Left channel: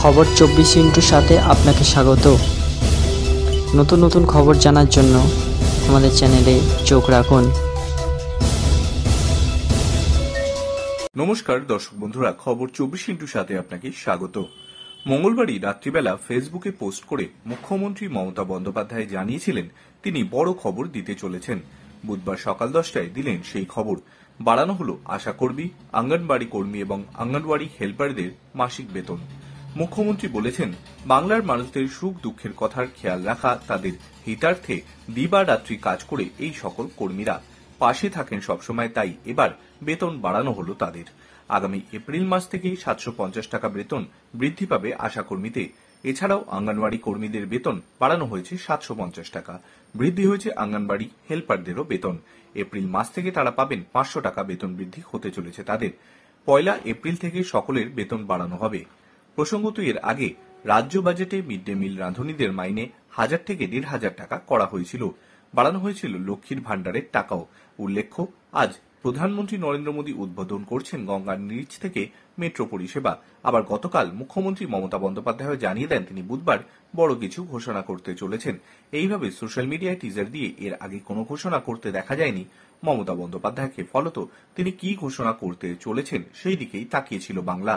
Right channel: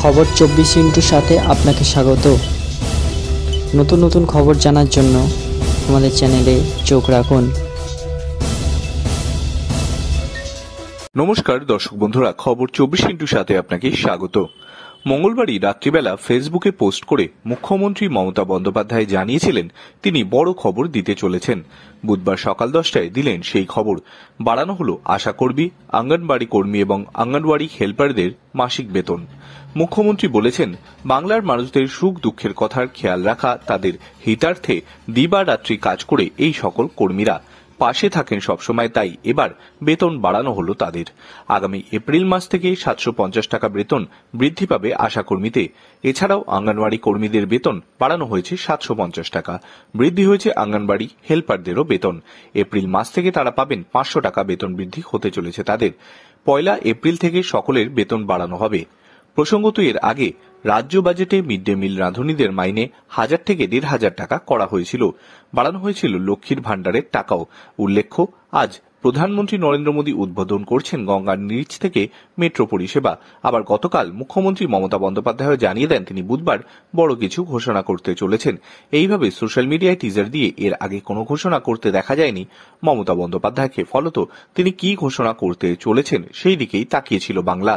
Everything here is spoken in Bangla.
খবর 24 সাথে আপনাকে স্বাগত। নতুন নতুন খবর জানার জন্য আমাদের চ্যানেলে চোখ রাখুন। নমস্কার দর্শক বন্ধুরা, খবর 24 আপনাকে স্বাগত। মঙ্গলবারই রাত্রিবেলা ফেসবুকে পোস্ট করে মুখ্যমন্ত্রী মমতা বন্দ্যোপাধ্যায় জানিয়েছিলেন তিনি বড় খবর দিতে চলেছেন। বুধবার সকাল 10টায় দিলেন সেই খবর। বাড়ানো হলো আশাকর্মী, অঙ্গনবাড়ি কর্মী এবং অঙ্গনবাড়ি হেল্পারদের মাসিক বেতন। মুখ্যমন্ত্রী বলেছেন, বাংলার মানুষদের সুখ দুঃখের কথার খেয়াল রাখা তাদের হিতার্থে দিবারাত্রি কাজ করে এই সকল কর্মীরা পাশে থাকেন সবসময়, তাই এবার বেতন বাড়ানো হলো তাদের। আগামী এপ্রিল মাস থেকে 750 টাকা বেতন বৃদ্ধি পাবে আশাকর্মীতে। এছাড়াও অঙ্গনবাড়ি কর্মীদের বেতন বাড়ানো হয়েছে 750 টাকা। বৃদ্ধি হয়েছে অঙ্গনবাড়ি হেল্পারদেরও বেতন। এপ্রিল মাস থেকে তারা পাবেন 500 টাকা বেতন বৃদ্ধি হতে চলেছে তাদের। 1 এপ্রিল থেকে সকলের বেতন বাড়ানো হবে। প্রসঙ্গত, এর আগে রাজ্য বাজেটে মিড ডে মিল রাঁধুনিদের মাইনে 1000 থেকে 1500 টাকা করা হয়েছিল। বাড়ানো হয়েছিল লক্ষ্মীর ভাণ্ডারের টাকাও। উল্লেখ্য, আজ প্রধানমন্ত্রী নরেন্দ্র মোদী উদ্বোধন করছেন গঙ্গার নিচ থেকে মেট্রো পরিষেবা। আবার গতকাল মুখ্যমন্ত্রী মমতা বন্দ্যোপাধ্যায় জানিয়ে দেন তিনি বুধবার বড় কিছু ঘোষণা করতে চলেছেন। এইভাবে সোশ্যাল মিডিয়ায় টিজার দিয়ে এর আগে কোনো ঘোষণা করতে দেখা যায়নি মমতা বন্দ্যোপাধ্যায়কে। ফলত তিনি কি ঘোষণা করতে চলেছেন সেই দিকেই তাকিয়েছিল বাংলা।